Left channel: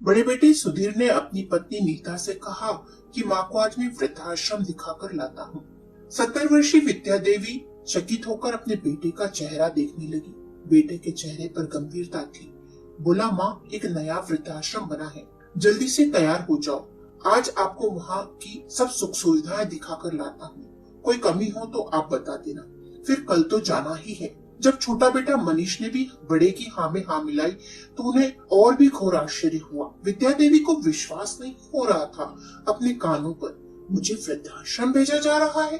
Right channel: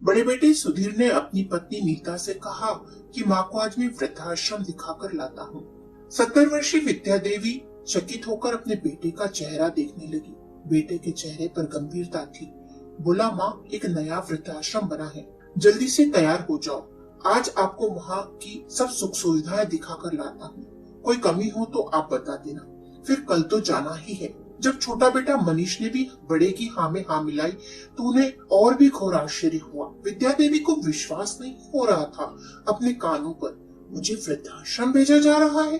बड़े बेटे सुधीर ने अपनी पत्नी नीता से कहा कि माँ को आज मैं वृद्धाश्रम दिखाकर लाता हूँ। 70 वर्षीय विद्या देवी चकित होकर अपने बेटे का चेहरा देखने लगी। बेटे के चेहरे पर गंभीरता थी। बोला, माँ, एक नया वृद्धाश्रम बना है, जल्दी से तैयार हो जाओ। आज आपको वहाँ की सब सुख सुविधाएं दिखाकर लाता हूँ। कोई कमी हो तो आप बता देना, फिर कल तो जाना ही है। जब छोटा बेटा मनीष ने भी बड़े की हाँ में हाँ मिलाई तो उन्हें और भी घोर आश्चर्य हुआ। विद्या देवी को विश्वास नहीं हो रहा था अपने कानों पर। मुझे वृद्धाश्रम भेजा जा रहा है?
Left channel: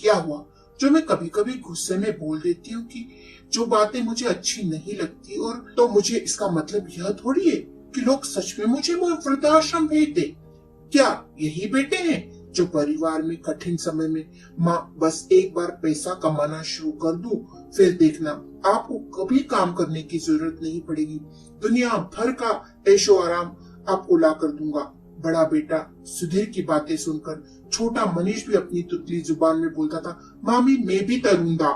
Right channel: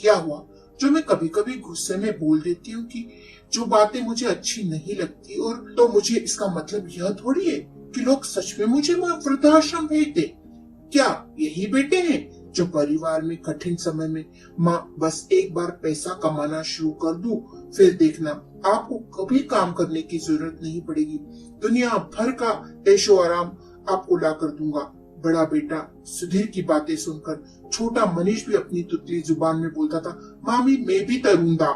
क्या हुआ जो मैं कभी कभी गुस्से में बोल देती हूँ कि जो बातें मुझे अच्छी नहीं लगती, और तो मुझे इसका मतलब यह थोड़ी है कि लोग सच में मुझे वृद्धाश्रम भेज दे। क्या यही बेटे हैं जो परिवार में कठिन समय में माँ बस एक बार पैसा कमाना शुरू कर दूं, फिर देखना आपको कभी काम करने की जरूरत नहीं पड़ेगी, दुनिया भर का ऐशो आराम आपको ला कर दूंगा। बड़ा बेटा सुधीर की बातें सुनकर छोटा मनीष भी अपनी तुतली जुबान में बोलता था, मामी मैं भी तरूंगा।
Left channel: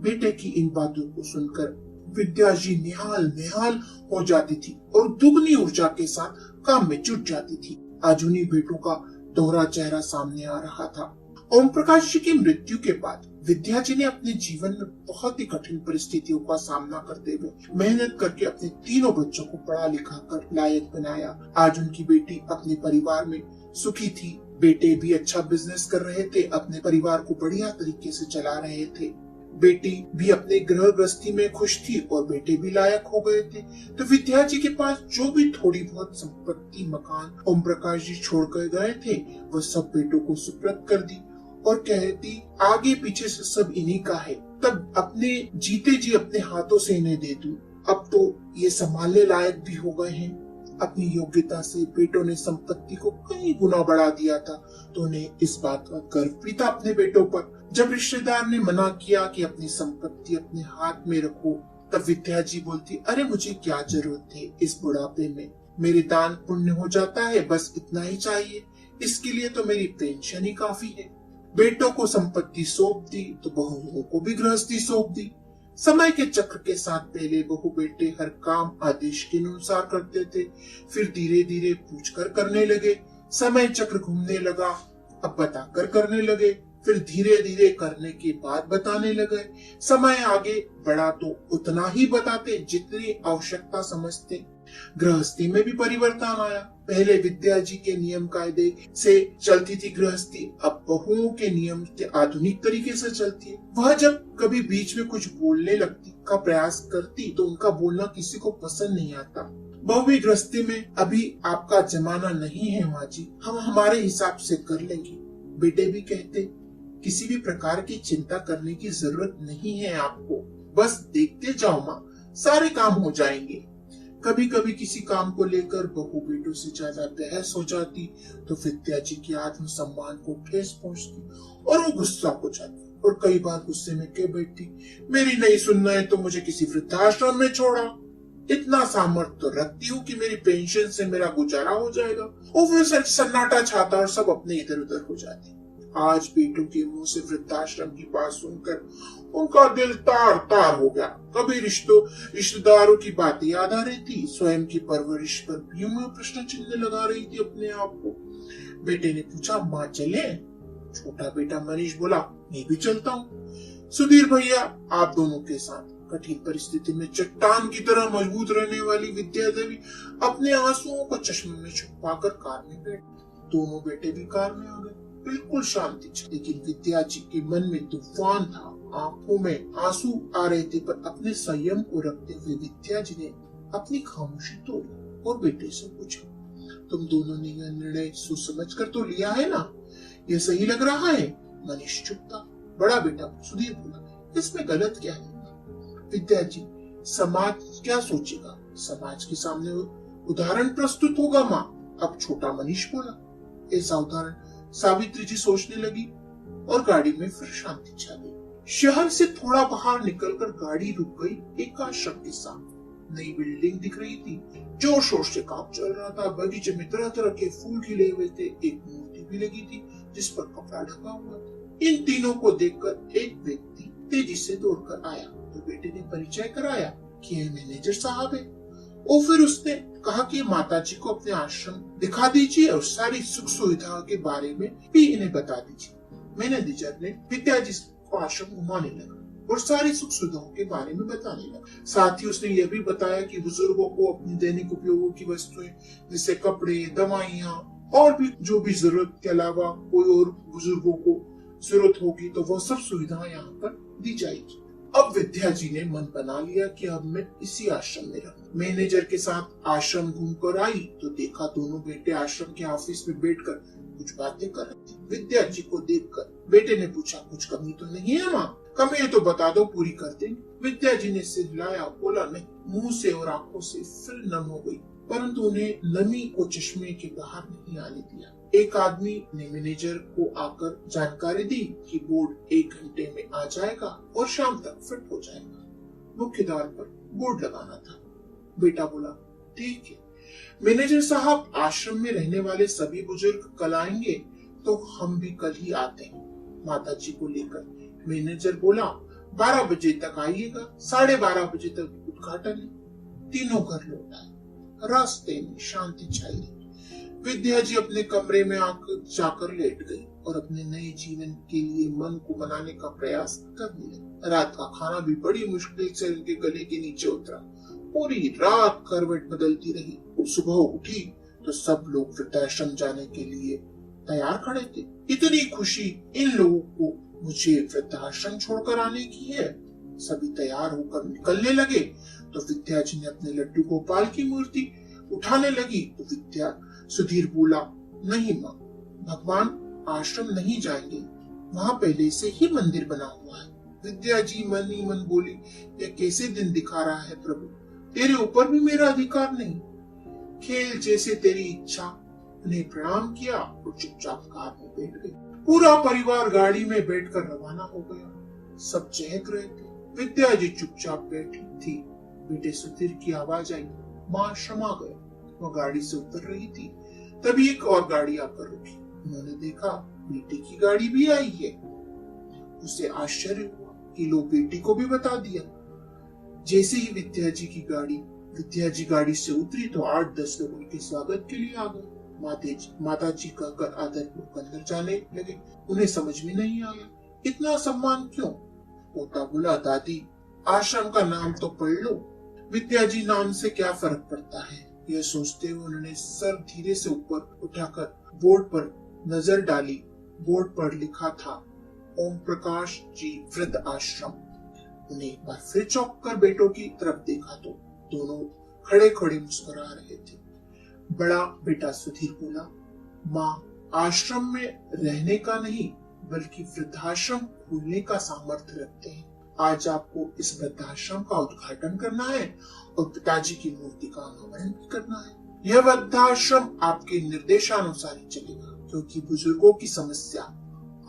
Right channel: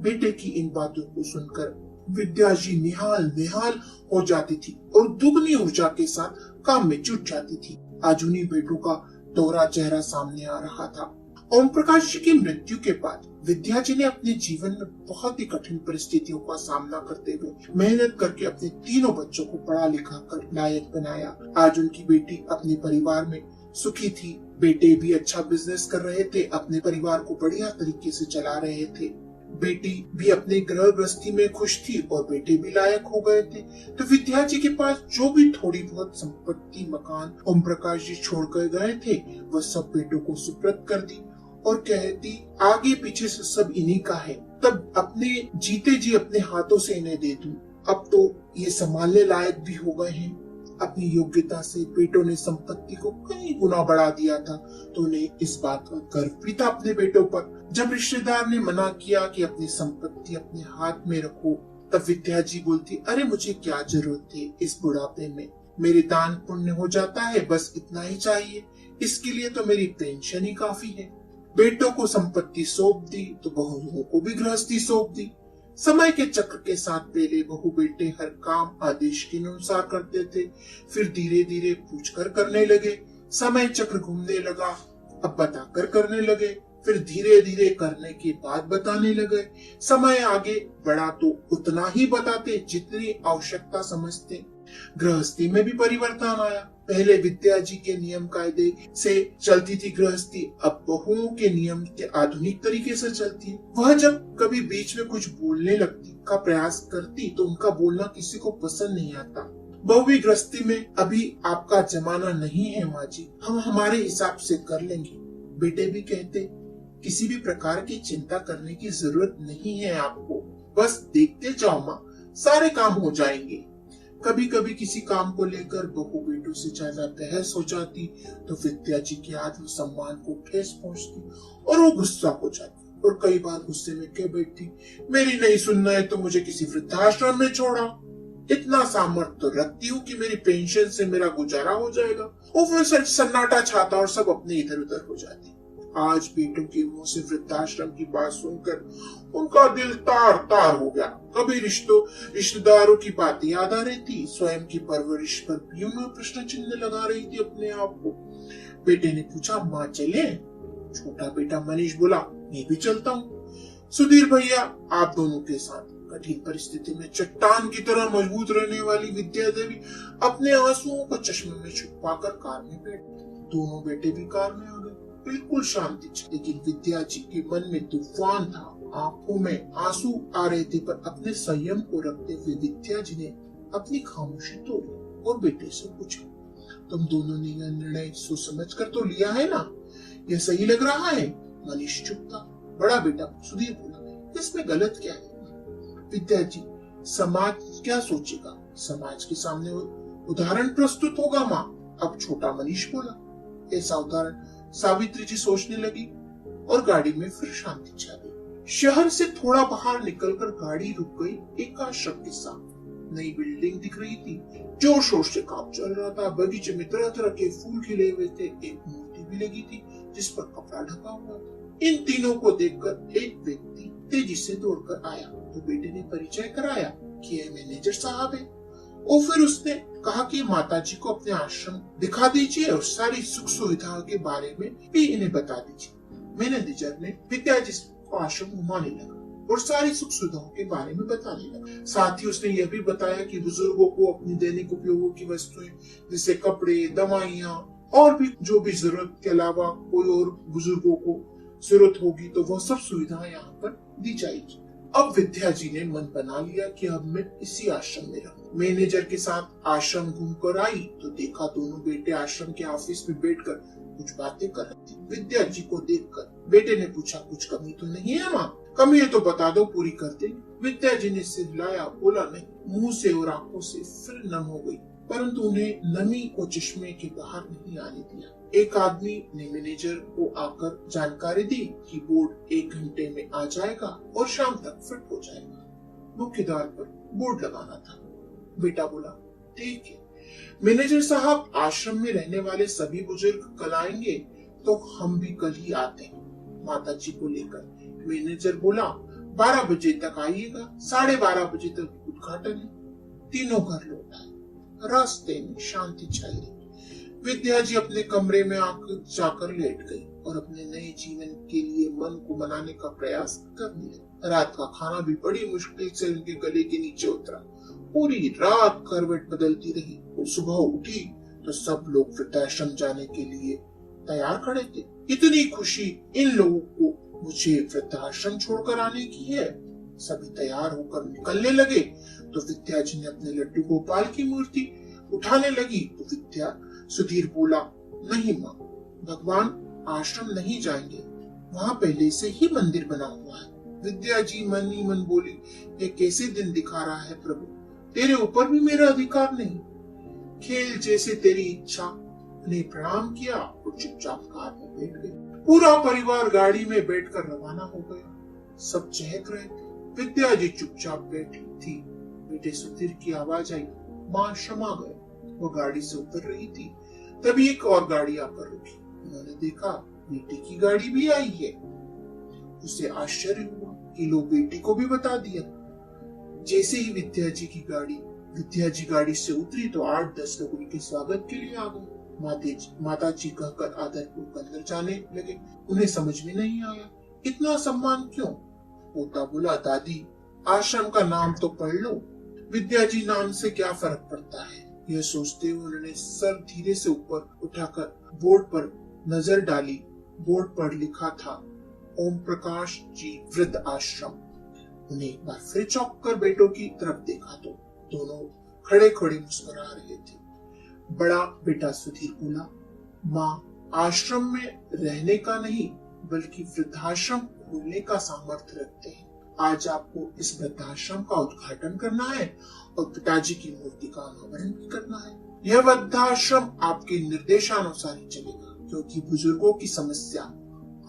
बेटे की इन बातों को सुनकर विद्या जी निहाल निहाल हो जाती थी और दुगनी ऊर्जा के साथ काम में जुट जाती थी। आज उन्हीं बेटों का दोहरा चेहरा सामने आ रहा था। ओम प्रकाश जी की मृत्यु के बाद विद्या जी ने अपने जीवन में बहुत ही कठिन परिस्थितियों का सामना करते हुए मेहनत करके अपने तीनों बच्चों को पढ़ा लिखा कर लायक बनाया। आज उनकी बेटी अपने परिवार में सुखी थी, बेटे भी अच्छा बिजनेस कर रहे थे, अपने परिवार को बढ़िया तरीके से चला रहे थे, बेटी भी अपने गृह गृहस्थी में खुश थी और बेटे भी लायक हो गए थे। तो विद्या जी के पास जो भी थोड़ी बहुत संपत्ति मकान ओम प्रकाश जी छोड़ कर गए थे वह सब बेटों को सुपुर्द कर दी और कहती, आगे पीछे से सब इन्हीं का है, तब अपने जीते जी अपने हाथों से इन्हें दे दूं। अब तो ये संभालने लायक भी हो गए हैं। अपनी योग्यता से बेटों ने संपत्ति को कई गुना बढ़ा दिया था, तो उन्हें इस बात का गर्व भी था अपने बेटों पर। जब रिश्तेदार ने मना किया कि अपनी संपत्ति अपने हाथ में रखो, तब विद्या जी बोलती, अरे मुझे क्या जरूरत है इस बुढ़ापे में, मेरे दान पुण्य हो जाता है, बस इतना ही चाहिए, इसके लिए तो मेरी पेंशन ही काफी है। बेटों को संपत्ति सौंप दी तो बहुओं को भी गृहस्थी सौंप दी। समय के चक्र के साथ पहले बहु बेटे हर काम आदेश के अनुसार करते थे, फिर धीरे धीरे पूछकर करने लगे। समय चक्र घूमने लगा, अब बताकर करने लगे, फिर धीरे धीरे करने के बाद बताने लगे। समय आगे बढ़ा तो उतना ही बताते जितनी आवश्यकता समझते। गृहस्थी में भी परिवर्तन आया। पहले विद्या जी के नियम कायदे से चलती थी गृहस्थी, अब बहुओं के नियम के आधुनिक तरीके से चलती। वह जब कभी बीच में कुछ बोलने लगती का प्रयास करती तो उनका बोलना किसी को पसंद नहीं आता। बहुवी गृहस्थी में अभी आपका जमाना नहीं है माँ जी, हम हमारे हिसाब से कर लेंगे। बेटे भी कहते, किसी भी प्रकार की चिंता करने की जरूरत नहीं है आपको, बस देखते जाओ माँ, सारे काम हो जाएंगे। कभी कभी किसी काम को लेकर बहू बेटों से ज्यादा बहस हो जाती तो विद्या जी के आत्मसम्मान को ठेस पहुंचती और वो गुस्सा हो जाती और कई बार गुस्से में कह बैठती, मेरी नहीं सुनना है तो मुझे किसी वृद्धाश्रम में छोड़ा। इतना सामर्थ्य तो रखती हूँ कि मेरी पेंशन से मेरा गुजारा हो जाएगा। और फिर सन्नाटा छाता और सब अपने इधर उधर हो जाती। आज बेटों के मुंह से वृद्धाश्रम की बात सुनकर उनका दिल तार तार हो गया। कभी रिश्तेदारों की बात याद आ रही थी, स्वयं की परवरिश पर भी उन्हें प्रश्न चिन्ह लगा रही थी अपने आप को। बेटे ने पूछा, माँ चले? छोटा बेटा मनीष बोला, मैं भी चलता हूँ। सुधीर भैया, आप दोनों के साथ। कठिन परिस्थिति में चट्टान की तरह मजबूत रहने वाली विद्या देवी अपने आंसुओं को चश्मे में छुपाकर कार में बैठ। दोनों बेटे भी कार में आ गए। बिल्कुल शांति थी, लेकिन विद्या जी के मन में तूफान था। आंखों में आंसू आ रहे थे, पर अपने संयम को रखते हुए विद्या जी ने अपनी खामोशी तोड़ी और बेटे से पूछा, तुम दोनों ने यह निर्णय सोच समझ कर तो लिया है ना? यह सही लग रहा है? मनीष चुप था। बड़ा बेटा सुधीर बोला, इसमें गलत क्या है? विद्या जी, समाज क्या सोचेगा? समाज के सामने उदाहरण प्रस्तुत होगा माँ। अब छोटा मनीष बोला। ऐसा उदाहरण सावित्री जी सोचने लगी और गाड़ी में फिर शांति छा गई। शहर से थोड़ा बाहर निकलकर गाड़ी रुक गई एक आश्रम के सामने। नई बिल्डिंग दिख रही थी, जोर शोर से काम चल रहा था। बगीचे में तरह तरह के फूल खिले हुए थे, एक मूर्ति भी लगी थी जिस पर कपड़ा ढका हुआ था। इन तीनों को देखकर एक व्यक्ति तेजी से दौड़कर आया तो बेटे ने परिचय कराया कि यह मैनेजर साहब है और फिर उसने कहा कि माताजी को अपने आश्रम दिखा दीजिए और सारी सुख सुविधाओं के बारे में भी इन्हें बता दीजिए। मैनेजर ने विद्या जी को आश्रम घुमाने लगा और सारी सुख सुविधाओं के बारे में बताने लगा। साथ ही उसने यह भी बताया कि बुजुर्गों को अपनी दैनिक उपयोगों की वस्तुएं जैसे कपड़े, दवाइयाँ और भी जो भी जरूरत के अलावा कोई और बुजुर्गों को जरूरत होगी तो वो सब सुविधाएं यहाँ पर दी जाएगी। अब विद्या जी ने मन बना लिया कि अब मैं इसी आश्रम में रहूं। मैनेजर के साथ आश्रम घूमकर आई तो देखा दोनों बेटे आश्रम के ऑफिस में बैठकर कुछ बातें कर रहे थे। विद्या जी को देखकर बेटे ने पूछा, कुछ कमी तो नहीं है माँ? कमी है तो बता दो, पूरी कर देंगे। विद्या जी ने सिर हिलाया, बोला नहीं। मुंह से और आंखों से फिर नम हो गई, परंतु उन्हें नमी को चश्मे के बाहर नहीं आने दिया। एक आदमी ने मैनेजर को आकर जानकारी दी कि बोर्ड 1 घंटे में आ जाएगा और शाम तक फिट हो जाएगा। मुख्य द्वार पर बोर्ड लगाना था। बेटा बोला, ठीक है मैनेजर साहब, आश्रम में रहने वाले सभी बुजुर्ग कल आएंगे तो हम भी कल ही आते हैं माता जी को लेकर। मैनेजर बोला, 12 बजे तक आइएगा, 12:30 बजे तक उद्घाटन है। तीनों घर लौट आए। रास्ते में शांति छाई रही। विद्या जी अपने कमरे में आकर जाकर लेट गई और अपने नए जीवन के लिए मन को मनाने का प्रयास करने लगी। रात का खाना भी बड़ी मुश्किल से उनके गले के नीचे उतरा। पूरी रात करवट बदलती रही। सुबह उठी तो सब लोग वृद्धाश्रम जाने के लिए तैयार खड़े थे। इतनी खुशी इन लोगों को मुझे वृद्धाश्रम छोड़कर आने की है। सभी तैयार होकर निकलने लगे तो विद्या जी ने अपने लड्डू गोपाल की मूर्ति उठाने लगी तो विद्या सुधीर बोला, नहीं माँ, भगवान आश्रम नहीं जाएंगे, वहाँ पहले से ही मंदिर बना हुआ है। विद्या जी मन ही मन बोली, ये कैसे दिन दिखा रहा है प्रभु, तेरे ऊपर भी मेरा अधिकार नहीं। खेल जैसे तेरी इच्छा। उन्हें प्रणाम किया और चुपचाप कार में बैठ गए। पूरा परिवार गाड़ी में बैठकर रवाना हो गया। सब चहक रहे थे। विद्या जी चुपचाप बैठी थी। बेटे सुधीर की आवाज आई, माँ क्षमा गए। वो गाड़ी से उतर रही थी, तभी एक और गाड़ी आकर रुकी। उन्होंने देखा बेटी की गाड़ी भी आई है। उसे आश्चर्य हुआ कि लो, बेटी को भी बता दिया। जैसे ही विद्या जी गाड़ी से उतरी तो 8-10 लोग उनके स्वागत के लिए आ गए। माता जी कहकर आदरपूर्वक अंदर जाने लगे। उन्हें समझ में नहीं आया इतना सम्मान क्यों। पोता बोला, दादी आश्रम का नाम तो पढ़ लो, विद्या जी नाम से क्या फर्क पड़ता है। यह सोचते हुए उन्होंने सर धीरे से ऊपर उठाकर बोर्ड पर नजर डाली। बोर्ड पर लिखा था, ओम प्रकाश जी वृद्ध आश्रम। उन्हें एक बार फिर चौंक कर बेटों की तरफ देखा तो दोनों खड़े खड़े मुस्कुरा रहे थे। बड़ा बेटा सुधीर बोला, माँ आश्रम में रहने का नहीं बल्कि वृद्धाश्रम खोलने का सामर्थ्य रखते हैं। आज आपको इस वृद्धाश्रम का उद्घाटन करना है और पिताजी की मूर्ति का अनावरण भी करना है। यह वृद्धाश्रम आपके निर्देशानुसार ही चलेगा, क्योंकि बुजुर्गों की समस्या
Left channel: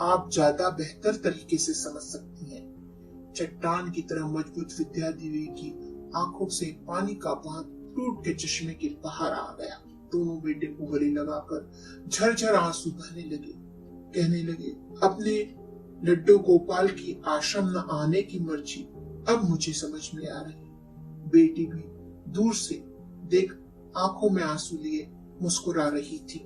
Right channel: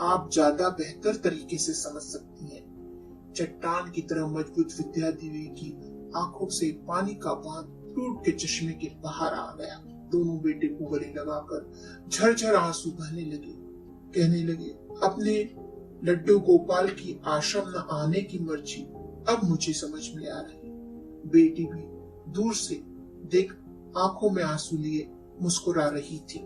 आप ज्यादा बेहतर तरीके से समझ सकती हैं। चट्टान की तरह मजबूत विद्या देवी की आंखों से पानी का बांध टूट के चश्मे के बाहर आ गया। दोनों बेटे को गले लगाकर झरझर आंसू बहने लगे। कहने लगे, अपने लड्डू गोपाल की आश्रम न आने की मर्जी अब मुझे समझ में आ रही। बेटी भी दूर से देख आंखों में आंसू लिए मुस्कुरा रही थी।